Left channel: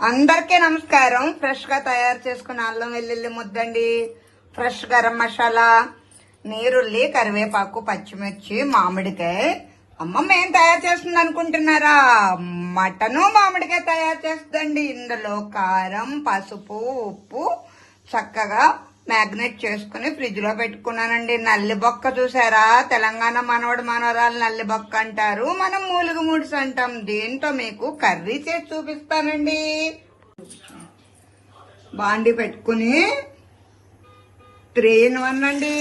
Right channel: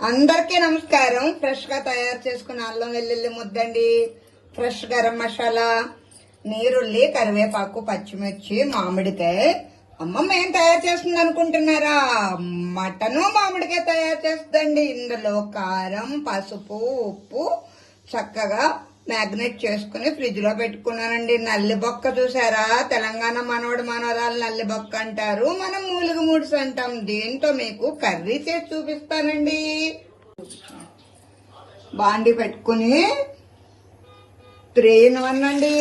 అందరికీ నమస్కారం. ఫ్రెష్ గా తయారు చేసుకున్న అల్లం వెల్లుల్లి ముద్దండి, ఫ్రెష్ గరం మసాలా, నీరుల్లి, కరివేపాకు, పచ్చిమిర్చి, మామిడికాయ. అమ్మమ్మ ఏం తయారు చేస్తుంది అనుకుంటున్నారా? మటను మామిడికాయ తయారు చేస్తుందండి. ఇందులో కారం, పసుపు, ఉప్పు చక్కగా మ్యాగ్నెట్ చేసుకుని ఫ్రిడ్జ్ లో పెట్టుకున్నానండి. నల్లి బొక్క చూసారా? తెలంగాణ మనవడు మనవరాలు నల్లి బొక్క అంటారు, మనం మూలుగు ముడుసు అంటాం. దీంతో మీకు కర్రీ చేసి చూపిస్తానండి. బాండి పెట్టుకుని 3 in 1 అండి.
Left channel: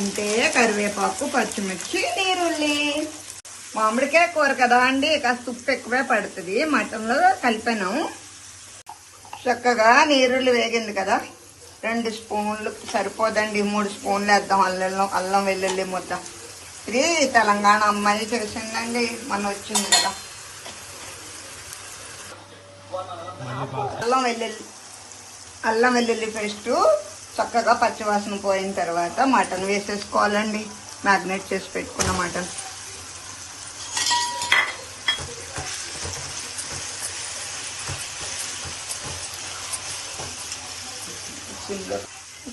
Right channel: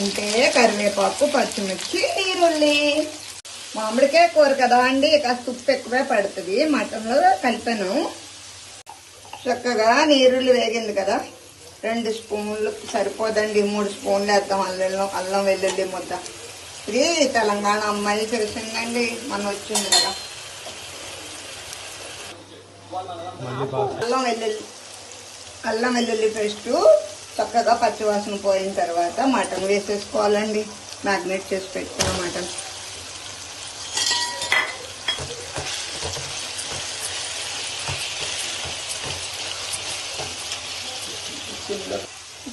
అంటే కరివేపాకు, పచ్చిమిర్చి, నీరుల్లి. మామిడికాయ కూర కదా అండి, కాస్త ఉప్పు ఎక్కువే పడుతుంది. మటన్లో కలిపాను. చక్కగా నీరుల్లి వేగింది కదా, 2 స్పూన్లు సరిపోదండి, 3 స్పూన్లు వేద్దాం అల్లం వెల్లుల్లి ముద్ద. ఇది తెలంగాణ అమ్మాయి చేసిందండి, మన వచ్చింది కదా. అల్లం వెల్లుల్లి పేస్ట్ చక్కగా పచ్చివాసన పోయిన తర్వాత మటన్ వేసేసుకోవాలండి. మ్యాగ్నేట్ చేసి పెట్టుకున్న మటన్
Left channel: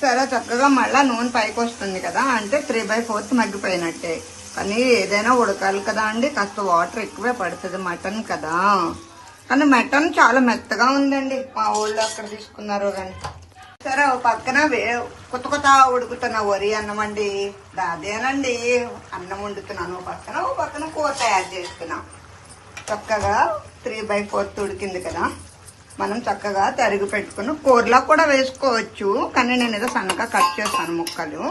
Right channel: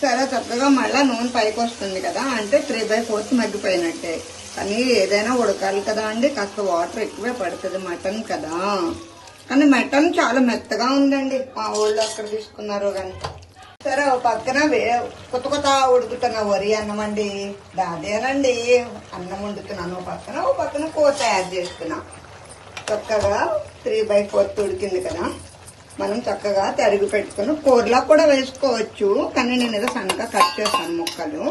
చాలా చక్కగా మళ్ళా నూనె పైకి వస్తుంది కదా, అంటే 3/4 మగ్గిపోయినట్టే. కానీ ఏదైనా ఉడకాలి కదా అండి, కాస్త వాటర్ ఎక్కువే పడుతుంది, మటన్ కదా. కానీ మటన్ చాలా మెత్తగా ఉందండి, మా ఊళ్ళో అక్కడ తీసుకున్నారు కానీ. సరే, ఒక పక్కన కొత్త ఉడుకుతున్న వరి అన్నం అండి, అదేనండి అన్నం వండుతున్నాను. ఒక పక్కన కూర తయారు చేసుకున్నాం. చక్కగా 3/4 ఉడికింది కదా, మనం చక్కగా తరిగి పెట్టుకుని కూరలో కూడా వేసుకోవచ్చు, కానీ నేను ఏదో సన్నగా కట్ చేస్తాను ముక్కలు.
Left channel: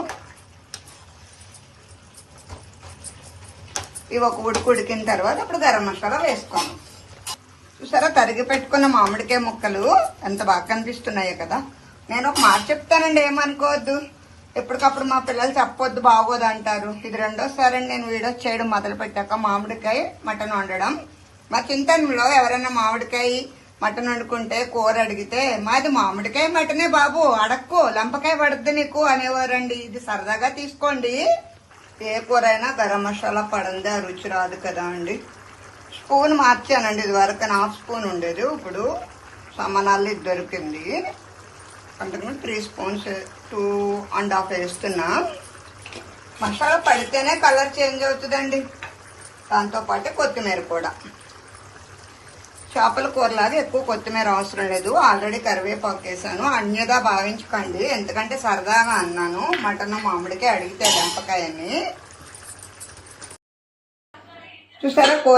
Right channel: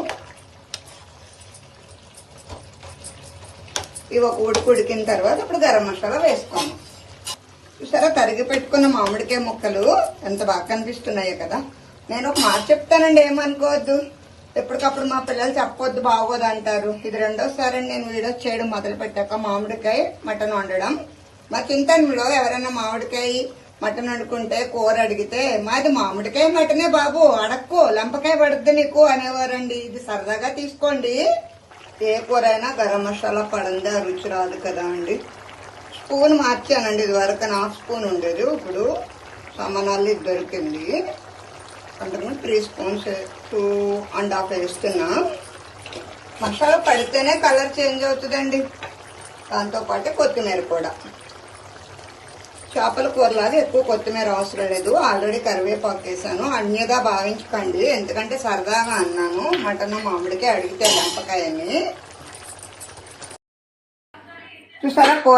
ఇవి ఒక ఉడికిన తర్వాత ఇప్పుడు గరం మసాలా వేసుకోను. చూసారా, తరిగి పెట్టుకున్న మామిడికాయ ముక్కలు ఎంత బాగా కనిపిస్తున్నాయి కదా. నేను ఒక మాట చెప్తానండి, ఏమనుకోవద్దు. ఎప్పటికప్పుడు మా పిల్లలు చెప్పొద్దు, బాగోదు అంటారు. ఇది 2వ నేను వీడియోస్ చేయడం మొదలు పెట్టాక మామిడికాయ మటన్ వండడం. మరి తింటాను ఎవరైనా మామిడికాయ మటన్ వండుకుంటే కూర అడిగితే, మాది మామిడికాయ మటనే బాబు, అడక్కు, లంపకాయ పడుద్ది నీకు అనేవారండి. ఇది సరదాగా తీసుకోండి. ఏ కూర అయినా గరం మసాలా పడందే రుచి రాదు కదా అండి. స్పూన్ మార్చానండి, ఇది వరకు 1/2 స్పూన్ ఉండేది, ఇప్పుడు సమనాలు దొరికింది. అంటే 3 స్పూన్స్ 2.5 వేస్తున్నా. మసాలా పడితేనే కలర్ చేంజ్ అవుతుందండి. దాంతోపాటు కొత్తిమీర కూడా. చేపల కూరలాగా ఎక్కువ కొత్తిమీర అవసరం లేదు, ఆల్రెడీ కరివేపాకు వేసాను. అన్నిగా భావించకండి, ఎందుకంటే సరదాగా అన్నాను. మటన్ మామిడికాయ అడిగితే లంపకాయని. చూసారా,